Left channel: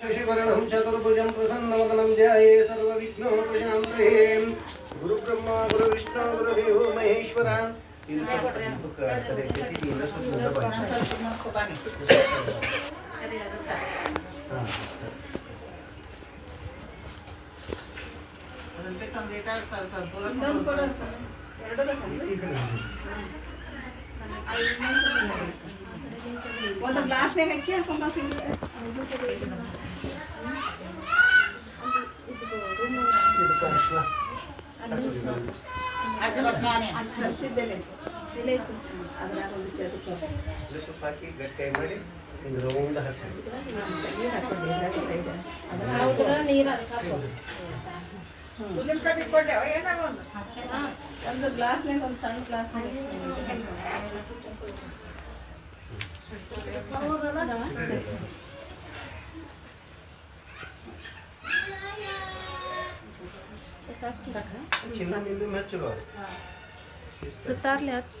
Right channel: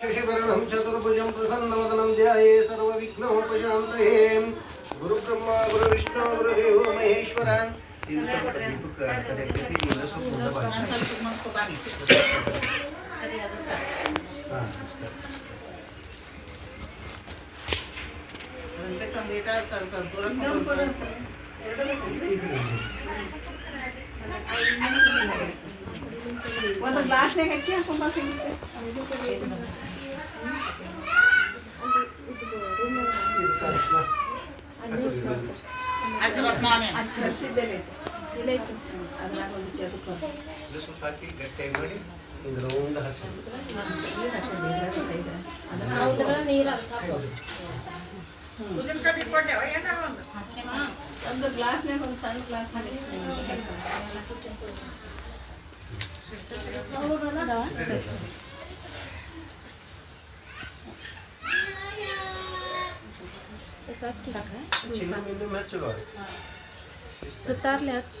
शशिवर्णं चतुर्भुजं प्रसन्नवदनं ध्याये सर्वविघ्नोपशान्तये गुरुब्रह्मा गुरुविष्णु गुरुदेवो महेश्वर ಒಂದು ಗ್ಲಾಸ್ನಾಗ ಹಾಕಿ ಹಾಕಿ ಗಟ್ಟಿಯಾಗಿ ಮಾಡಿ ಹಿಂಗೆ ರೌಂಡ್ ಹಾಕಿ ಒಂದು ಗ್ಲಾಸ್ನಾಗ ಒಂದು ಸಣ್ಣ ಗ್ಲಾಸ್ನಾಗ ಚಿನ್ನ ಮಿಲ್ಲಿ ಮಚ್ಚುವ सुतारल्यात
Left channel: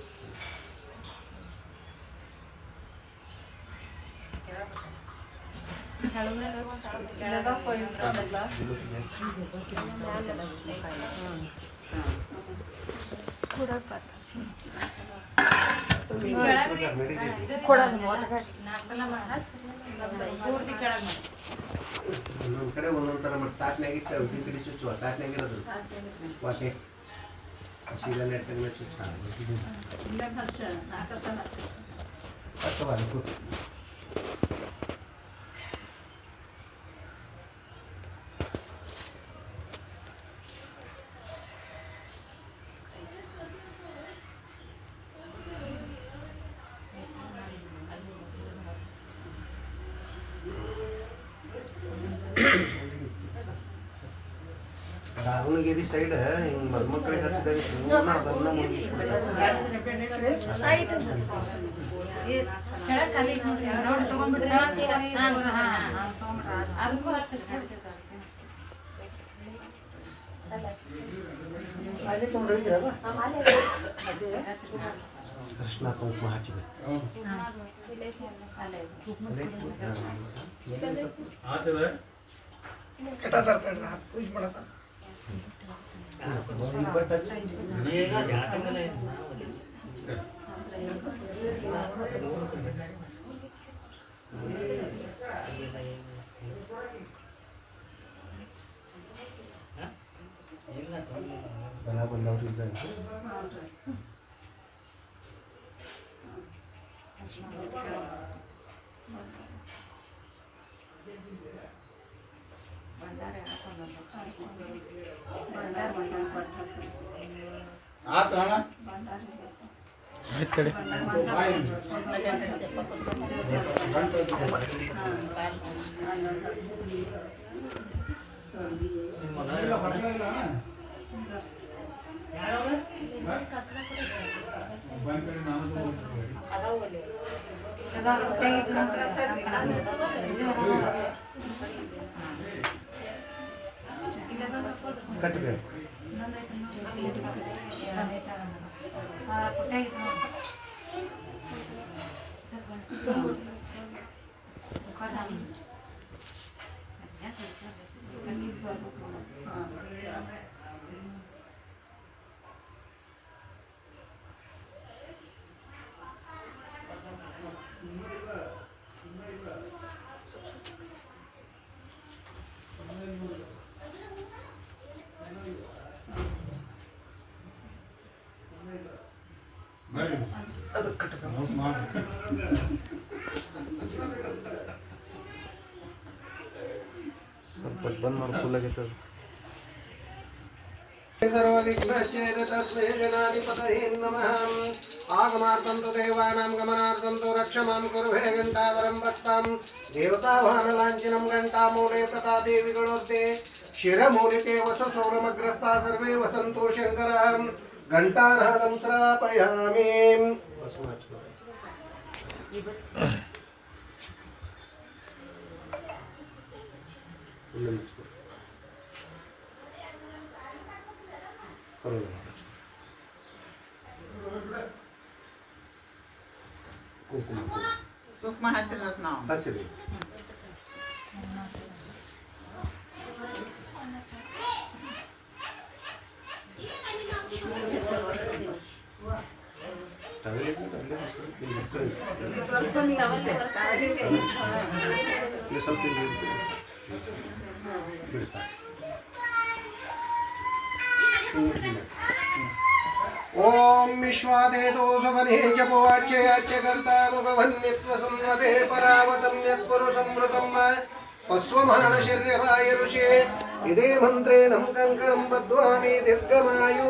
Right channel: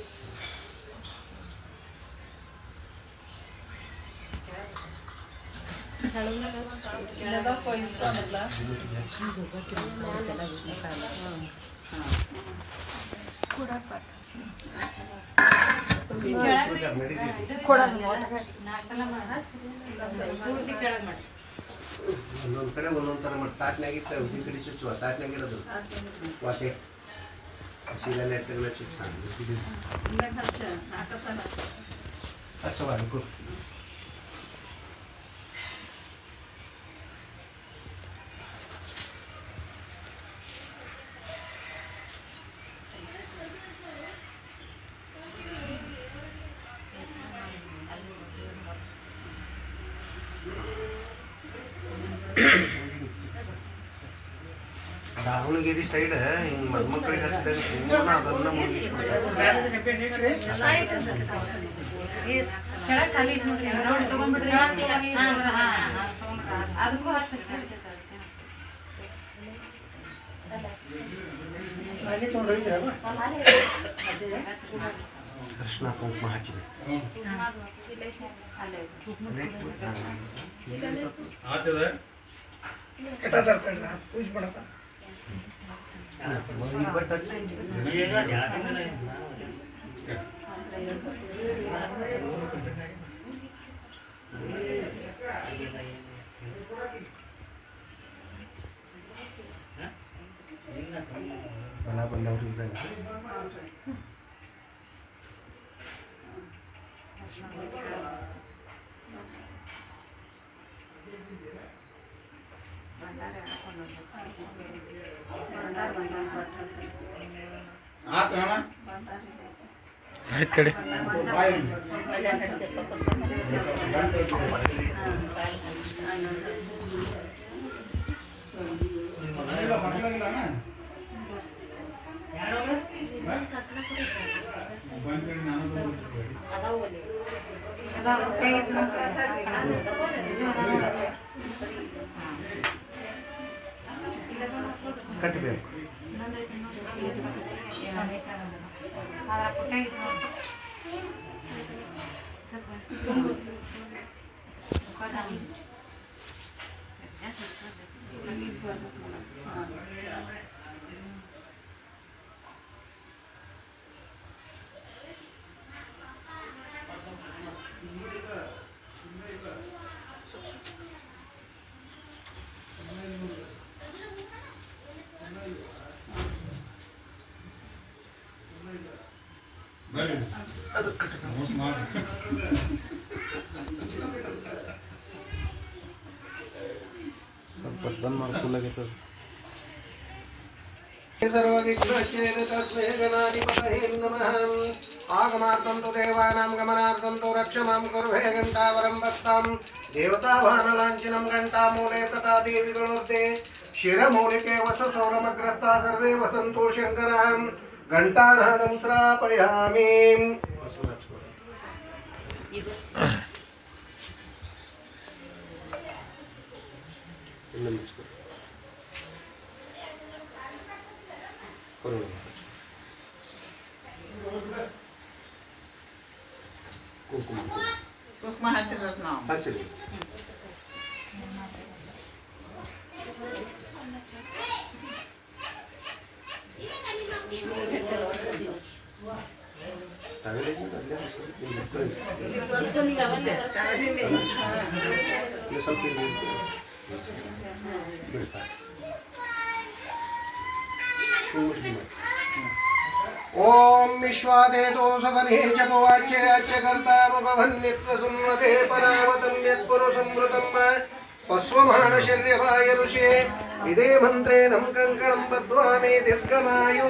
ಒಂದೊಂದು ಕಡೆ ಒಂದೊಂದು ಥರ ಮಾಡಿ ತಾಟ್ನಾಗ ಇಟ್ಟು ಈ ಕಡೆ ಚುಚ್ಚುವ ತಾಟ್ನಾಗ ಇರೋದು ವಾಟೆ ಹಸಿದ ನೆಟ್ಟಗಳ ಚುಚ್ಚ ಹಚ್ಚವ ಅದಕ್ಕೂ ದಾವಣಗೆರೆ ಸೈಡ್ ಹಿಂಗೆ ಮದುಮಕ್ಕಳಿಗೆ ಹಚ್ಚಿದಾಗ ಪೂರ್ಣ ಅದನ್ನ ದರ್ಶನ ಕುಂಕುಮ ಹಚ್ಚಿದೆ ಬಲ ಬಂದವ್ರು ಇದ್ದಾಗ ಕಡೆ ಕಟ್ಟಬೇಕು ಸ್ವಲ್ಪ ಬಂದ್ ಮಾಡ್ಕೊಳ್ಳಾಗೈತದ सर्वविघ्नश्चेदतस्मै गणाधिपतये नमः आगमार्थं तु देवानां गमनार्थं तु रक्ष मां कुर्वे घण्टावरं भक्तां देवतावाहनलाञ्छनं घण्टामूले तथा देविगणोर्ते शिरमूलिके वसुसौरमग्रस्ता सर्वे वसन्तु शङ्करः घण्टानादं श्रापयामि कुंकुम हचिर ಇಲ್ಲಿ ತೋರಿಸ್ಕೊಂಡು ನೀವು ಅವಲ್ಲೇ ಕಾಲಿದೆ. ಇದು ಸ್ವಲ್ಪ ಇಲ್ಲಿ ಬಿಡು ಸಾಕು. ಓಂ ವಿಶ್ವಾದೇತೋ ಸವನೇ ಜಪವಾಚ್ಯ ಅಚ್ಚಕರ್ತಾ ಮುಖವನ್ನಿತ್ವ ಸಂವದೇ ಪರಾವತಂ ಯತ್ಪುರು ಸಂವೃತಂ ಪಸ್ವಮಾಣ ಶರ್ಯವಾಯ ಋಷೇ ಇದೇ ಮಂತ್ರೇಣಂ ಕಂಕಣಂ ಬದ್ಧ್ವಾ ಮೇ ದೀರ್ಘಮಾಯು.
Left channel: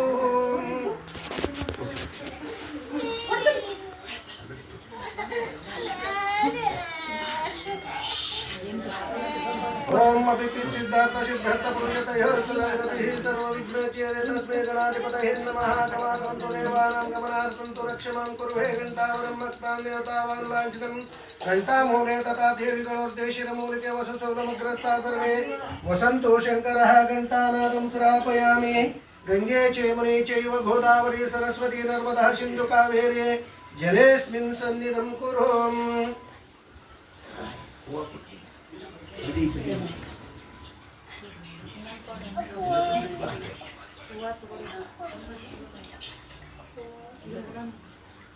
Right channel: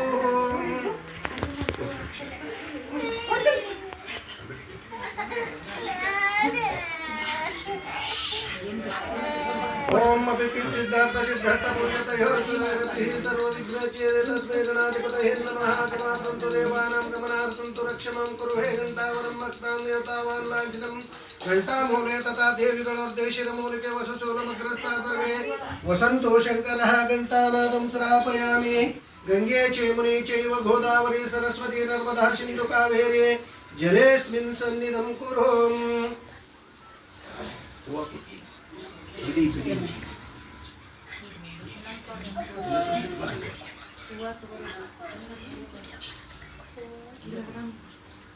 ಓಂ ಅಭಿಚಿತ್ ಸಿದ್ಧಾರ್ಥ ಸಿದ್ಧಾರ್ಥ ಪ್ರಕೃತಯೋರ್ಧರತಿಃ ಸರ್ವವಿಘ್ನಚೇದೆ ತಸ್ಮೈ ಗಣಾಧಿಪತಯೇ ನಮಃ. ಗಮಾಸಂತು ದೇವಾನಾಂ ಗಮನಾರ್ಥಂತು ರಕ್ಷಮಾಂ ಕುರು ಹೇ ಘಂಟಾವರಂ ಭಕ್ತಾಂ ದೇವತಾವಾನ್ ಲಾಂಛನಂ घंटामूले तथा देविगणोर्देशिर मूलिके वसुशौलमग्रस्ता सर्वे वसन्तो शङ्करः घंटानादं श्रापयामि. गंगे चेमुने चैव गोदावरी सरस्वती नर्मदा सिन्धु कावेरी जलेऽस्मिन् सन्निधं कुरु.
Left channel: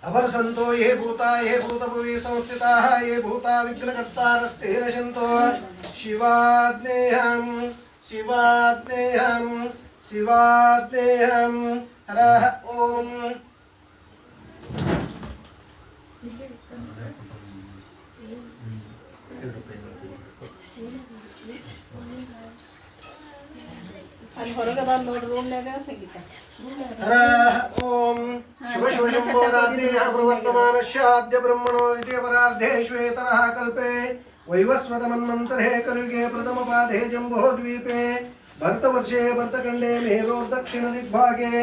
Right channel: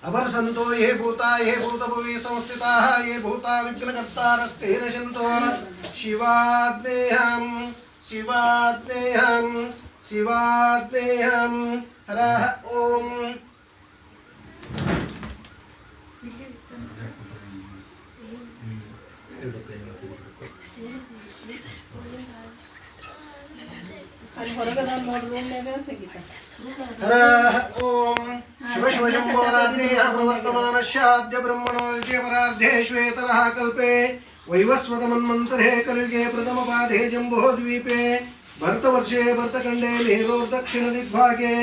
अवर्षन्तो ये भूता ये भूतभुवि संस्थिताः ये भूता विघ्नकर्तारस्ते नशन्तो. शिवाग्नेहं शिवाग्नेहं शिवाग्नेहं हरः ओम. ಅಲ್ಲಿ ಹೊರಗದ ನೋಡಿ ರೂಮ್ನಾಗ ಸಂಗೀತ हरः ओम. शिव शिव शंभो राधेय प्रवर्तमानस्याद्य ब्रह्मणो द्वितीयपरार्धे श्वेतरः कल्पे वैवस्वत मन्वन्तरे कलियुगे प्रथमपादे जम्बोद्वीपे भरतवर्षे भरतखण्डे मेरोर्दक्षिणदिग्भागे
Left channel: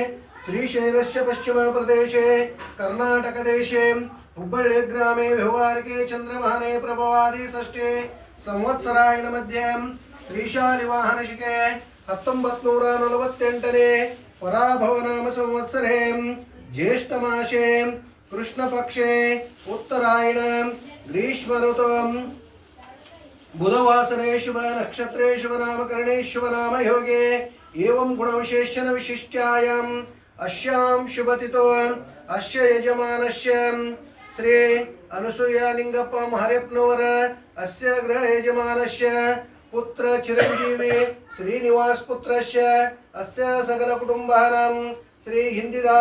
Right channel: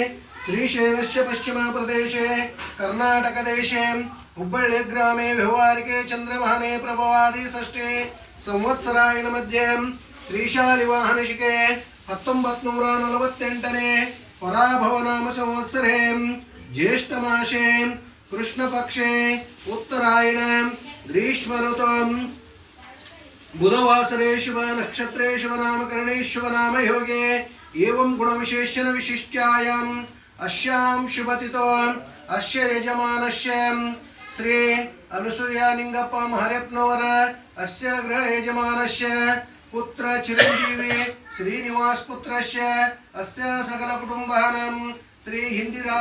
श्रीशैलस्य पश्चिमप्रदेशे कर्णाटकदेशे हुब्बळ्ळि ग्रामे व्यवहारिके चन्द्रमाने प्रभवादि षष्ठे संवत्सरायण मध्ये श्रीशालिवाहनशिके 1948 पराभवनाम संवत्सरे ज्येष्ठ मासे कृष्ण पक्षे उत्तरायण ग्रीष्म ऋतु बुधवासरे शुभ नक्षत्रे शुभ नामकरणे शुभ नाम योगे एवं गुणविशेषण विशिष्टायाम् अस्यां शुभतिथौ अस्य यजमानस्य श्री अनुसूया निंगप्प हरियप्नवर अस्य गृह यजमानस्य पुत्र चिरंजीवी श्रीनिवास पुत्रस्य अस्य सकल कुटुंबानां श्री हिंदिरा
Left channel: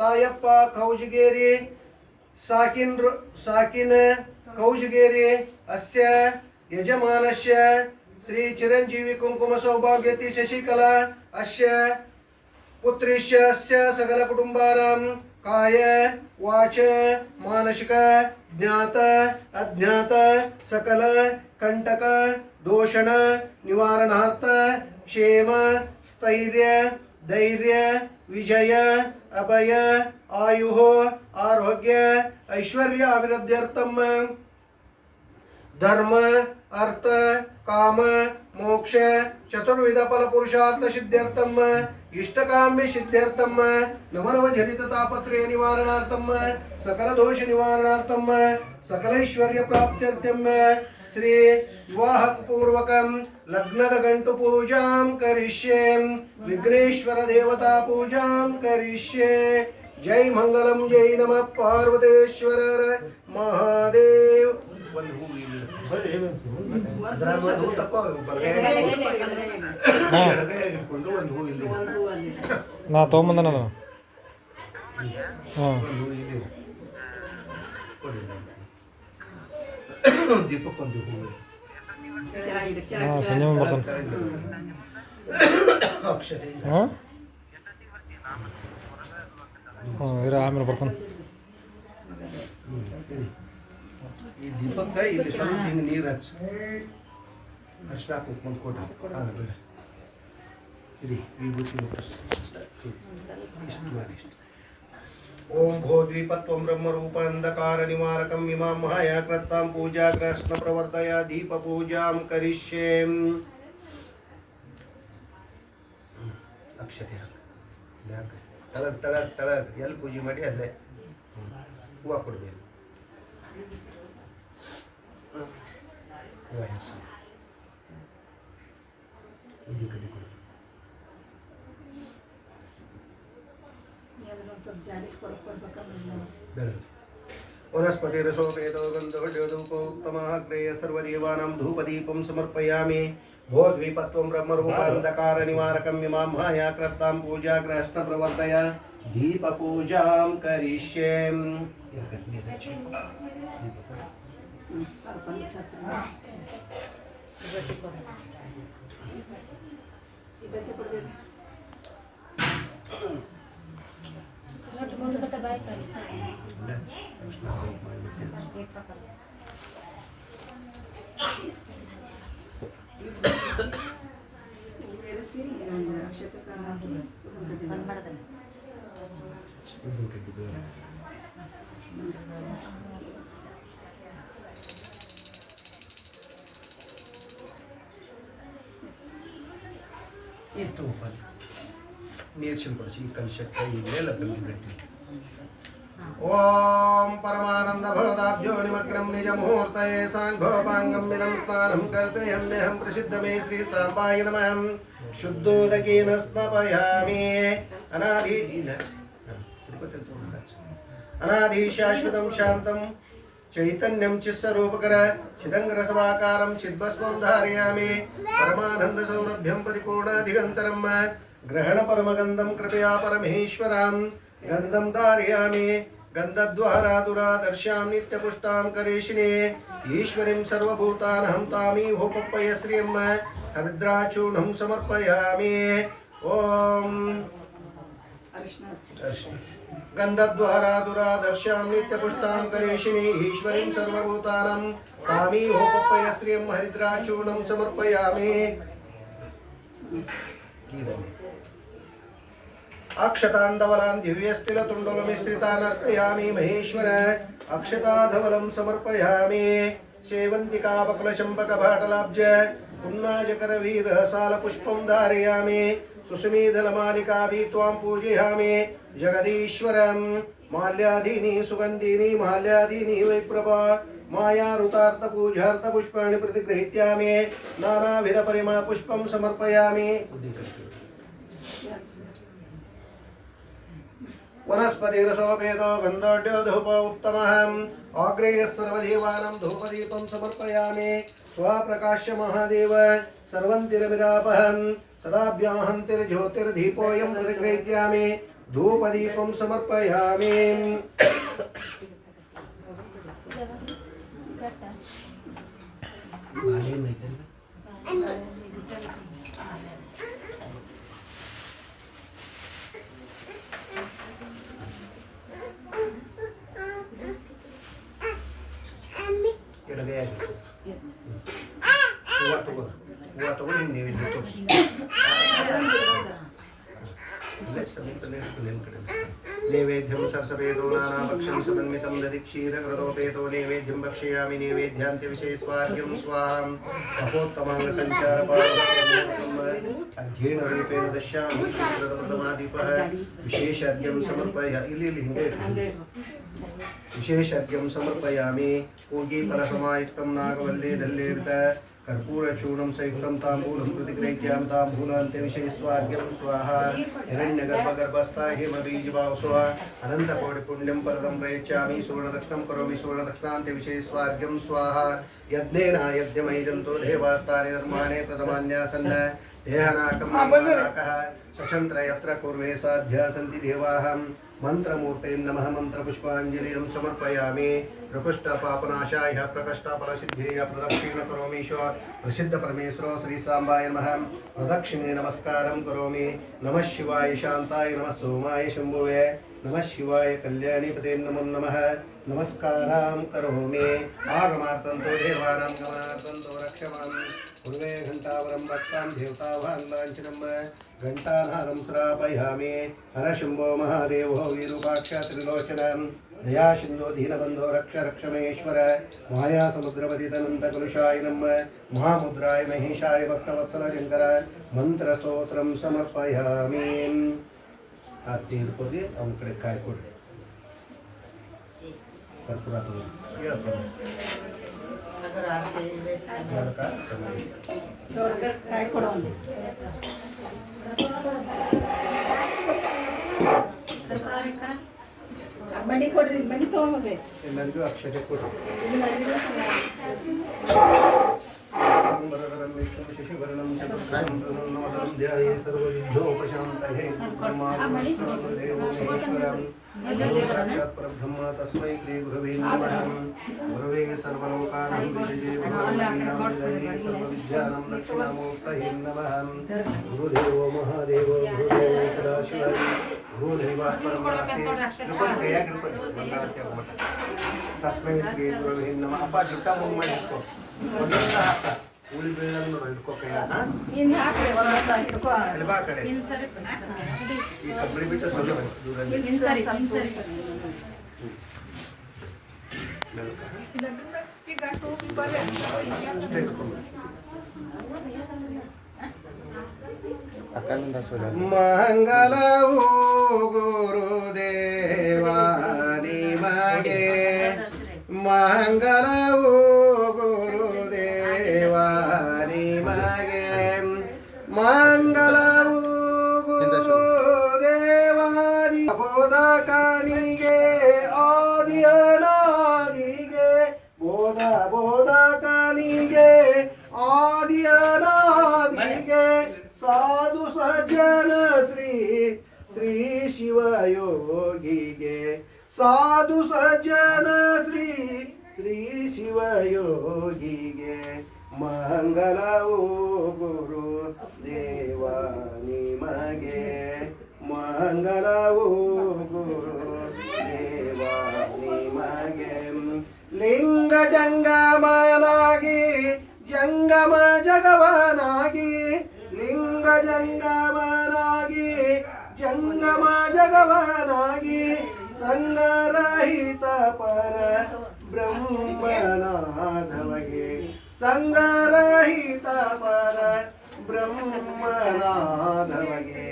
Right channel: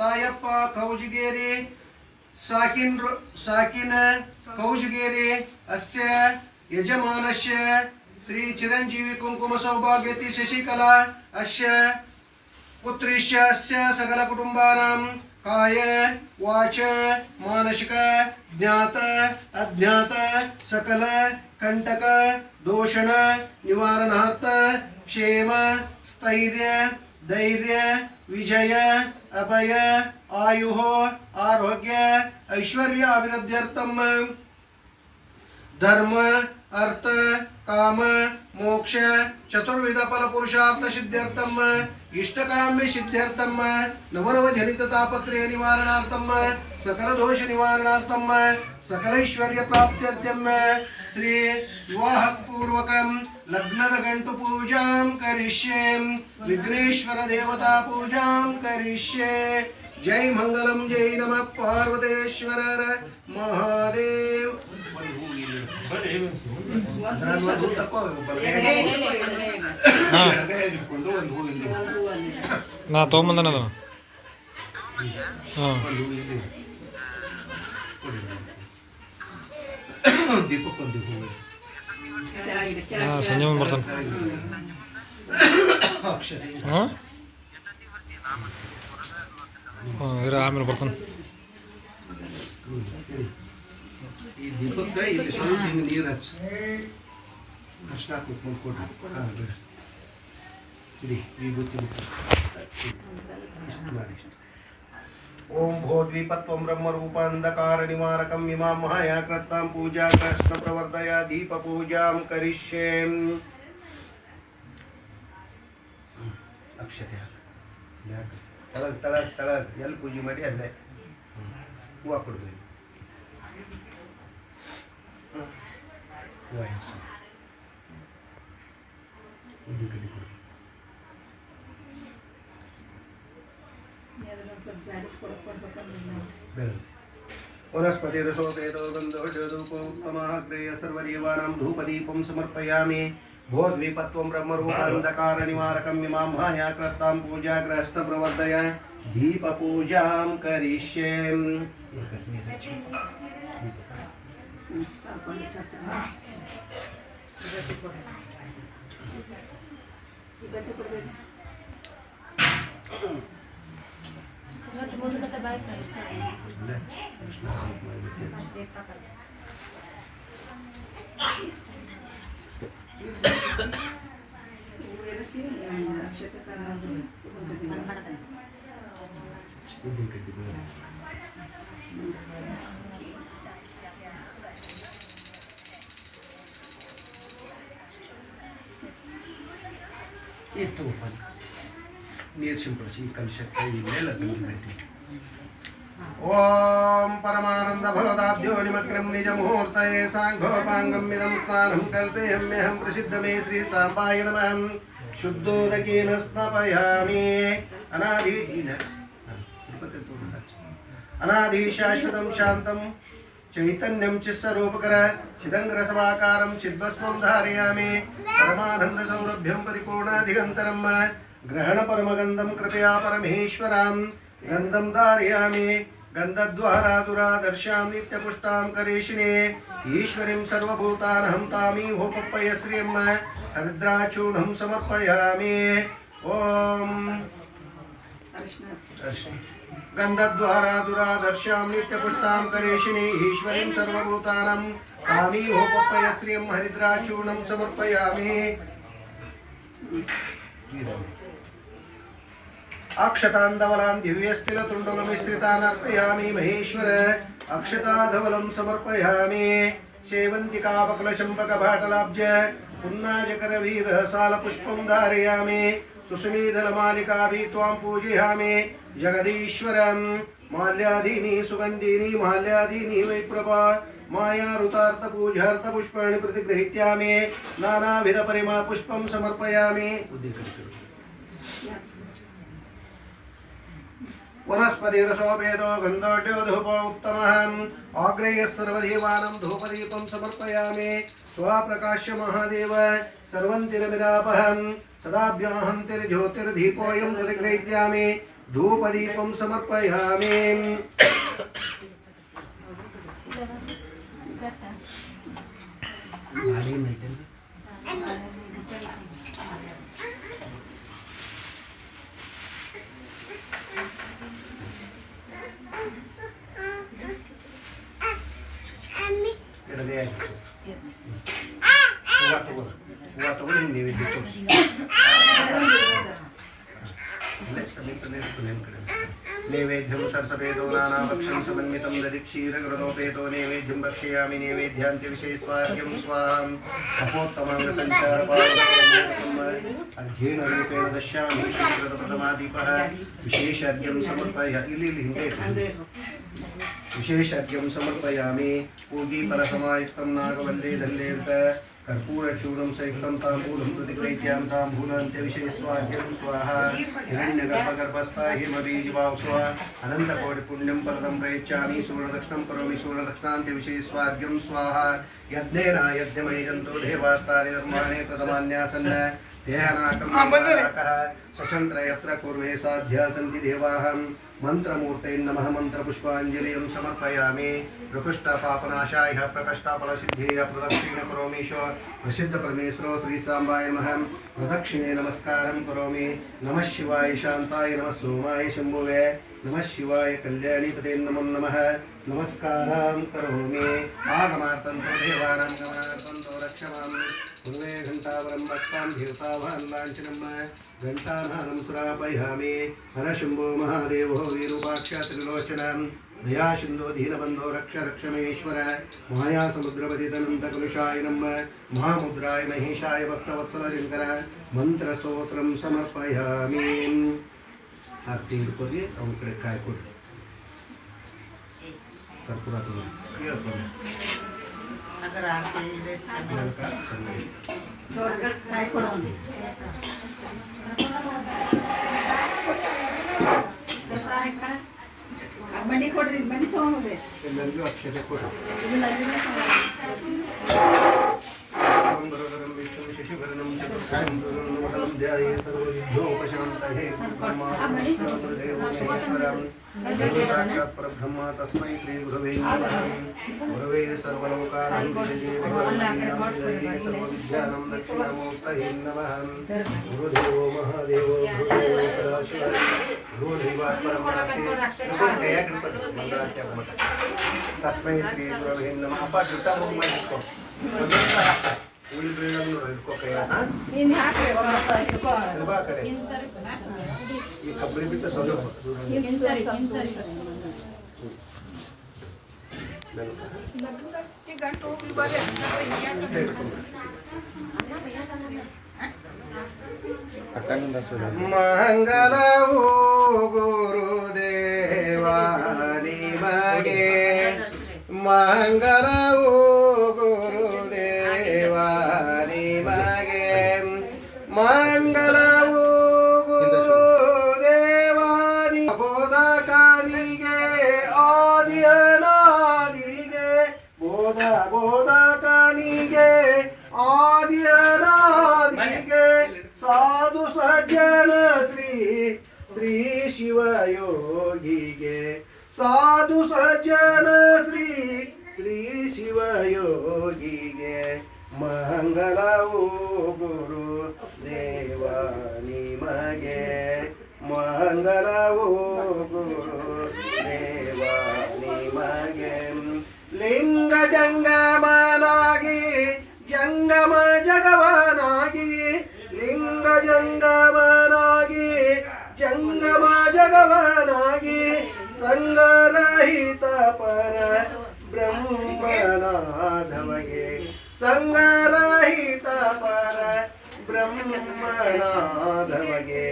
तायप्प कौजगेरी साकिन कौजगेरी अस्य यजमानस्य श्री चिरंजीवी कुंकुम सौभाग्यति शशिकला अस्य पुत्रिस्य अस्य सकल कुटुंबानां काय वाच मानसिक ज्ञात अज्ञात सकल कंटक दोषण निवारणार्थ क्षेम स्थैर्य धैर्य विजय अभय आयुः आरोग्य ऐश्वर्य अभिवृद्ध्यर्थम धर्म अर्थ काम मोक्ष चतुर्विध फल पुरुषार्थ सिद्ध्यर्थम इष्टकाम्य सिद्ध्यर्थम नवनव जनित तापत्रय निवारणार्थम सकल दोष निवारणार्थम सकल ऐश्वर्य प्राप्त्यर्थम श्री विवाह पूर्वकम लग्नद गंटु पूजां करिष्ये विघ्नेश्वर देवता पूजां करिष्ये. जय मंगलम जय नमः पार्वतीश्वर महादेव. ನಾ ತೊಗೊಂಬಂದನ ಅದನ್ನು ಹಾಂ ದೀಪಕ್ ಒಂದು ಹೂವು ಹಾಂ ಸಂಜೆ ಮುಂದೆ ಬರ್ತಾನೆ ಹಾಂ ಹಾಂ ಇರ ಆಮೇಲೆ ಬರ್ತಾನೆ. ಈ ದೀಪಕ್ಕೆ ಇಲ್ಲಿ ಸ್ವಲ್ಪ ಹಿಂಗೆ ನೀರು ಹಚ್ಚಿ ಅಷ್ಟು ಹಾಕೊಂಡು ಕೊಡ್ರಿ. ಹಾಂ ಬಿಡಿ ಇಡಿ ಈ ಬುತ್ತಿ ಇಷ್ಟು ಮಾಡಿ ಇಷ್ಟು. ओम भोद्वीपत्वं ब्रह्मरूपान्धकार निवारकं इमां महायाकृतां पूजा कृष्ण प्रवर्तय दीप पूजां करिष्ये. अक्षते हाक तळग तळग तळग ಎಲ್ಲಿ ಪೂಜೆ ಮಾಡಿ ಅಲ್ಲೇ ಹೂವು ಕೊಡಬೇಕು. ಹೂವು ಹೆಸರು ಇದು ಕಡೆ ಕೊಡು. ಸ್ವಲ್ಪ ಜಾಡಿಸ್ಕೊಡಕ್ಕೆ ಕೊಡ್ಬೇಕಂದ್ರೆ ಬೆಳೆದು वनस्पतिरसोपेतो गन्धोषधूपोक्तमाग्रेय सर्वदेवानां धूपदीपं समर्पयामि भोद्वीपत्वं ब्रह्मरूपान्धकारनिवारकं इमां मायाकृतां पूजाग्रहष्टप्रवर्तय दीपपूजां करिष्ये itu ನೀರು ಸಿಂಪಡಿಸಿ ಕಲಶಕ್ಕೆ ಇಲ್ಲೆಲ್ಲ ಬೆಂಕಿ ಓಂ ಪರಮಾನಂದ ಭವದಾಭ್ಯೋ ನಿಮಗ್ರಂ ನಿಜ ಮುಹೂರ್ತಯೇ ಸಾಂಘೋಪಾಂಗಂ ಇದಂ ಸ್ನಾನಂ ಕಲ್ಪೇಯಮ್ಯಹಂ ಪ್ರಸಿದ್ಧಮೇ ಶ್ರೀ ಸಾಂಬಾಯ ನಮಃ ಶುದ್ಧೋದಕೇನ ಸ್ನಾಪಯಾಮಿ ಅನಾದಿ ಶಾಶ್ವತಂ ಶಾಂತಂ ಚೈತನ್ಯಂ ಚಿತ್ಸ್ವರೂಪಕರ ಚಿದಂಗರಸವಾಕಾರಂ ಚಿದ್ಭಸ್ಮಂ ಧಾರಯಾಮಿ ಪರಮಾನಂದ ಸೌರಭ್ಯಂ ಪರಿಪೂರ್ಣಾಧಿಗಂತರಂ ಗ್ರಹಣ ಪರಮಗಂಧಂ ಕೃಪಯಾ ಪರಮೇಶ್ವರಾಂ ಗಂಧಂ ಧಾರಯಾಮಿ ಗಂಧದ್ವಾರಾ ದುರಾದರ್ಶಾಂ ನಿತ್ಯಪುಷ್ಟಾಂ ಕರೇಶಿನೇ ಈಶ್ವರಿಂ ಸರ್ವಭೂತಾನಹಂ ತಾಮೀಹೋಪಪ್ಪಯ ಶ್ರಿಯಂ ಹರಿದ್ರಾಚೂರ್ಣಂ ಸಮರ್ಪಯಾಮಿ ಓಂ ಗಂಧದ್ವಾರಾ ದುರಾದರ್ಶಾಂ ನಿತ್ಯಪುಷ್ಟಾಂ ಕರೇಶಿನೇ ಈಶ್ವರಿಂ ಸರ್ವಭೂತಾನಂ ತಾಮೀಹೋಪಪ್ಪಯ ಶ್ರಿಯಂ ಹರಿದ್ರಾಚೂರ್ಣಂ ಸಮರ್ಪಯಾಮಿ अक्षतांधवलान् दिव्यस्तिलतुण्डलमिश्रितान् अर्पयामि महेश्वर अक्षताधवलं समर्पयामि सेवन्तिकापकुलचम्पकभाटलाब्ज पुन्नाजकरवीरसालपुष्पं धारयामि सुस्मितलमालिकाभि त्वां पूजयामि जगदीश्वरं माल्यादीनि सुगन्धीनि माल्यादीनि वैप्रभा मायारुतार्थपूजार्थपुष्पाणि प्रतिगृहीत्यामि नानाविधपरिमलपुष्पं समर्पयामि वनस्पतिरसोपेतो गन्धोड्यो धूप उत्तमः आग्रेय सर्वदेवानां धूपदीपं समर्पयामि स्वप्रकाश्य महादेव सर्वन्तिरमिरापहं सदाभ्याहन्तिर्ज्योतिर्दीपोऽयं प्रतिगृहीत्यामि धूपदीपं समर्पयामि नैवेद्यं सरसवेदो नानाभक्षं समन्वितं दधिक्षीरकृतोपेतो नैवेद्यं भक्षयामि नैवेद्यान्त्यविशेषवाद्यं स्वाहां सपोत्तमाङ्गसञ्चारपादम् अर्घ्येन रूपेण दश्यामि श्रीकृतप्रथमादीपः विशेषार्घ्यं समर्पयामि विशेषार्घ्यं समर्पयामि पूगीफलसमायुक्तं नागवल्ली दल्लेर्क कर्पूरचूर्णं सयुक्तं ताम्बूलं प्रतिगृहीत्यां ताम्बूलान्त्यविशेषवाद्यं स्वाहा हिरण्यगर्भगर्भस्था हिमबीजवासुः अनन्तकोटिपुण्यं परदं प्रयच्छामि सुवर्णदक्षिणं करोमि सुवर्णदक्षिणान्त्यविशेषवाद्यं स्वाहा यज्ञेन यज्ञमयजन्तो देवास्तानि निर्माणे प्रथमान्यासन् देहनाकं सचन्द्र यत्र कुर्वे साध्या सन्ति देवाः मंत्रमूर्ते नमः मंत्रपुष्पाञ्जलिं समर्पयामि प्रकृष्टपापनाशाय प्रकष्टफलसिद्धेय प्रदक्षिण करोमीश्वर प्रसिद्ध परमेश्वर श्री सांबाय नमः प्रदक्षिणे नमस्कारं करोमि नमः शिवाय शांताय नमः सोमाय शंभुवे नमः शिवाय कल्याणीपते नमो नमः नमस्कारं करोमि आगमार्तन्तो देवानां गमनार्तन्तो रक्षमां पूर्वे घंटावरं भक्तां देवतावान् लाञ्छनं घंटानादं श्रापयामि हरशंभो महादेवो विरूपाक्ष त्रिलोचनं दया सिंधो दीनबंधो रक्ष रक्षमेश्वर माया समुद्रपतितनन्तकलुषाय नमः महामुद्राय महेशाय भक्तवत्सल शंकर मंत्रस्तोत्रं समर्पयामि आरती हिಡ್ಕೊಳ್ಳಿ ಅವನ ಕಡೆ ಕಾಯಿ ಕೊಡಿ ಕರ್ಪೂರ ಹೇಳಪ್ಪ ಅದರ ಆರತಿ ಇದೆ ಅದರ ಕಾಯಿ ಕೊಡೋಣ ಅಮ್ಮ ಮಣಿ ಕೊಡ್ರಿ ಮಣಿ ತಗೊಂಡ್ಬೇಕು ಎಲ್ಲರಿಗೂ ಅಕ್ಷತೆ ಕೊಡು. ಇದನ್ನ ಅರಿವಿನ वरदरं विष्णुं शशिवर्णं चतुर्भुजं प्रसन्नवदनं ध्याये सर्वविघ्नोपशान्तये ब्रह्माण्डदेवो महेश्वरं गुरु साक्षात् परब्रह्म तस्मै श्रीगुरवे नमः। गुरवे सर्वलोकानां विषये भगवन्मयीनां सर्वविद्यानां दक्षिणामूर्तये नमः। गुरुदेवो महादेवो गुरुदेवो सदाशिवः गुरुदैवात् परं नास्ति। गणपति मंगलारती मठ तस्मै श्रीगुरवे नमः। अप्ಪ ಜುಟ್ಟ ಮೂಗು ಮಾಡಿಸ್ಕೊ ಒಂದೊಂದ ಹಾಕ ಉಳಿ ಬೀಳಂಗ ನೋಡು ಹಿಡ್ಕೋ ಕೈ ಇನ್ನು ಹಾಕ್ರಿ ಹಿಡ್ಕೋ ಬಾ ಕಡೆ ಈ ಕಬ್ಬಳಿ ಬಿಟ್ಟು ಸ್ವಲ್ಪ ದೂರ ಮಂಗಲವು ಗುರುದೇವ ನಿಮಗೆ ಮಂಗಲವು ಗುರುದೇವ ನಿಮಗೆ ಮಂಗಲವು ಗುರುದೇವ ಬೋಧಕನಿಗೆ ಆದಿಯನಾದಿಗೆ ಬೋಧಕನಿಗೆ ಆದಿಯನಾದಿಗೆ ಸಾಧು ಸಜ್ಜನ ಶ್ರೀ ಶ್ರೀ ಶಿವಯೋಗಿಗೆ ಸಾಧು ಸಜ್ಜನ ಶ್ರೀ ಶ್ರೀ ಶಿವಯೋಗಿಗೆ ಮಂಗಲವು ಗುರು ದೇವ ನಿಮಗೆ ಮಂಗಲವು ಗುರು ದೇವ ನಿಮಗೆ ಲಿಂಗ ಜಂಗಮನಾಗಿ ಜಂಗಮ ಜಗವನಾಗಿ ಲಿಂಗ ಜಂಗಮನಾಗಿ ಜಂಗಮ ಜಗವನಾಗಿ ಸಂಗರಹಿತ ಪರ ಬ್ರಹ್ಮನಾಥಮಗೆ ಸಂಗರಹಿತ ಪರ ಬ್ರಹ್ಮನಾಥಮಗೆ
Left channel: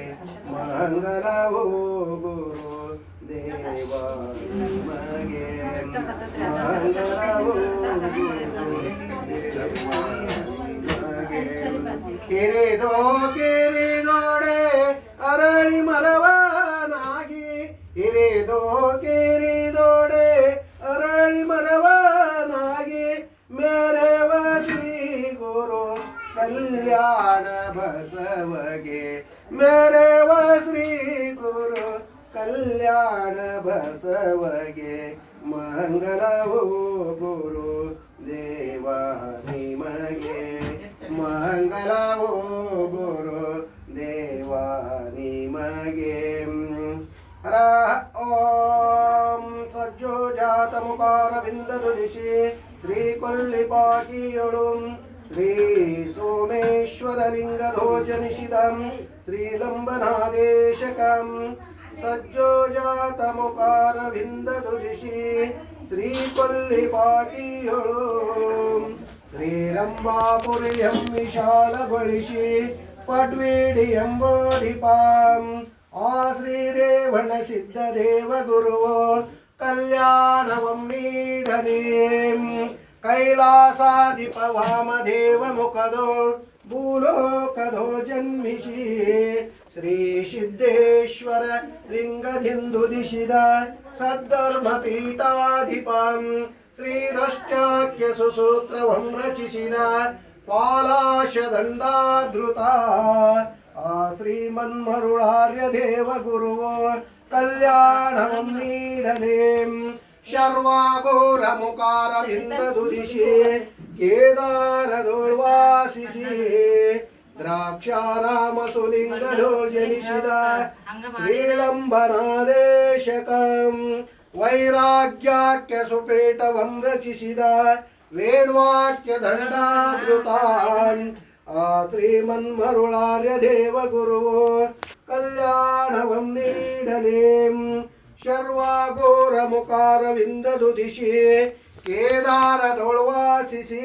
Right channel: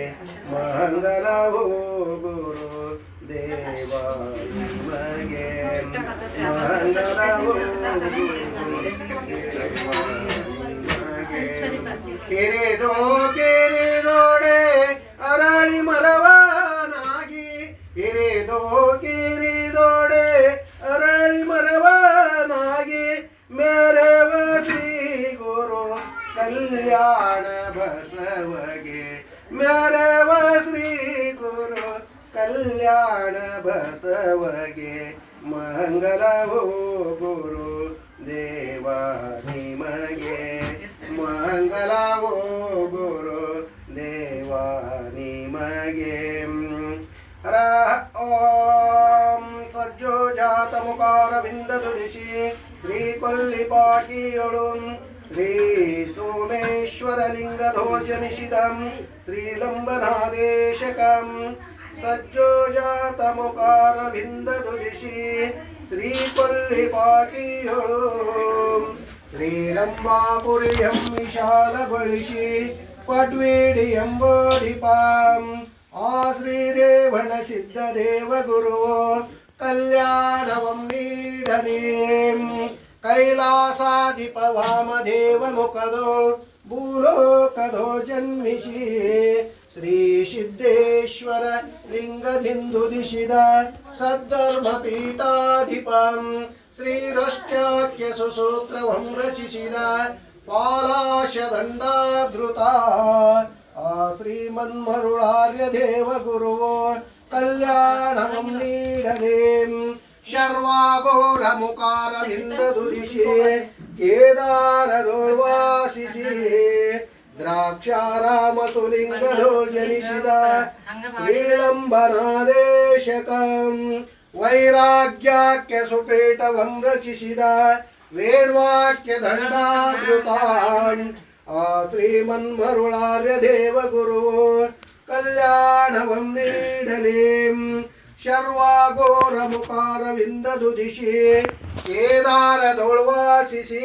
ಮಂಗಲವು ಗುರು ದೇವ ನಿಮಗೆ ಮಂಗಲವು ಕಿರಿದೋ ಕಿರಿದೋಡೆ ಅರಳಿ ಮರವನಾಗಿ ಹಿರಿದೋ ಕಿರಿದೋಡೆ ಅರಳಿ ಮರವನಾಗಿ ಮೇರವ ಶ್ರೀ ಗುರು ಕಲ್ಯಾಣ ಬಸವಗೆ ಮೇರವ ಶ್ರೀ ಗುರು ಕಲ್ಯಾಣ ಬಸವಗೆ ಮಂಗಲವು ಗುರು ದೇವ ನಿಮಗೆ ಮಂಗಲವು ಗುರು ದೇವ ನಿಮಗೆ ಓಂ ಸಜ್ಜೋಜಾತ ಮುಖಾರವಿಂದದು ದಿಶಿ ಶ್ರೀ ಕೊಲ್ಲಿಪಾಟಿಯೊಳು ಶ್ರೀ ಸೋಮೇಶ್ವರಲಿಂಗಧೋಜನಿಷಿದಂ ಶ್ರೀಲಂಬನಾದೇಶಕಂ ಸಜ್ಜೋಜಾತ ಮುಖಾರವಿಂದದು ದಿಶಿ ಶ್ರೀ ಕೊಲ್ಲಿಪಾಟಿಯೊಳು ಶ್ರೀರಂಭಾಪುರಿಯಂ ವಿಶಾಲಗೊಳಿಸಿ ಪಡ್ವೇಡಿ ಎಂಬೋಧಿಪಾಂ ಆ ಶ್ರೀರೇವಣ ಸಿದ್ಧ ದೇವ ಗುರುವೋ ಕಲ್ಯಾಣವಂ ನೀಡಲೇ ಕೈಲಾಸಾಧಿಪ ವಾಮದೇವ ಮುಖದೋಳ್ ಭೂಲೋಕದೋಳ್ ಜನ್ಮಿಸಿ ಶ್ರೀ ಸಿದ್ದೇಶ್ವರ ಲಿಂಗದಿಂದು ದಿಶಿದ ಸದ್ಧರ್ಮ ಪೀಠಾಧಿಪಂ ಶ್ರೀರಷ್ಟಾಖ್ಯ ಸುಸೂತ್ರವಂ ರಚಿಸಿದ ಪಾಲಾಶದಂಡಾಧೃತ ಆ ಶ್ರೀಮನ್ಮರುಳಾರ್ಯ ದೇವ ಗುರುವೋ ಕಲ್ಯಾಣವಂ ನೀಡಲೇ ಶರ್ವಾಘೋರ ಮುಖಾರವಿಂದದು ದಿಶಿ ಕೇದಾರದೋಳ್ವಾಸಿಸಿ ದ್ರಾಕ್ಷಾರಾಮ ಸುಲಿಂಗದೋಳ್ ಜನಿಸಿದ ಶ್ರೀಲಂಬನಾದೇಶಕಂ ವೈರಾಗ್ಯಾಖ್ಯ ಸುಪೇಟವಂ ರಚಿಸಿದ ವೇಣ್ವಾಕ್ಯ ದಂಡಾಧೃತಾನ್ ಆ ಶ್ರೀಮನ್ಮರುಳಾರ್ಯ ದೇವ ಗುರುವೋ ಕಲ್ಯಾಣವಂ ನೀಡಲೇ ಶರ್ವಾಘೋರ ಮುಖಾರವಿಂದದು ದಿಶಿ ಕೇದಾರದೊಳ್ವಾಸಿಸಿ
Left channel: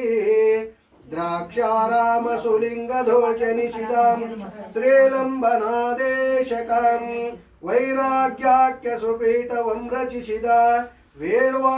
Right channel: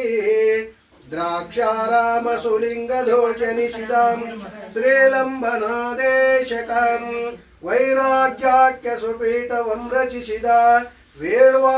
ದ್ರಾಕ್ಷಾರಾಮ ಸುಲಿಂಗದೋಳ್ ಜನಿಸಿದ ಶ್ರೀಲಂಬನಾದೇಶಕಂ ವೈರಾಗ್ಯಾಖ್ಯ ಸುಪೀಠವಂ ರಚಿಸಿದ ವೇಣ್ವಾ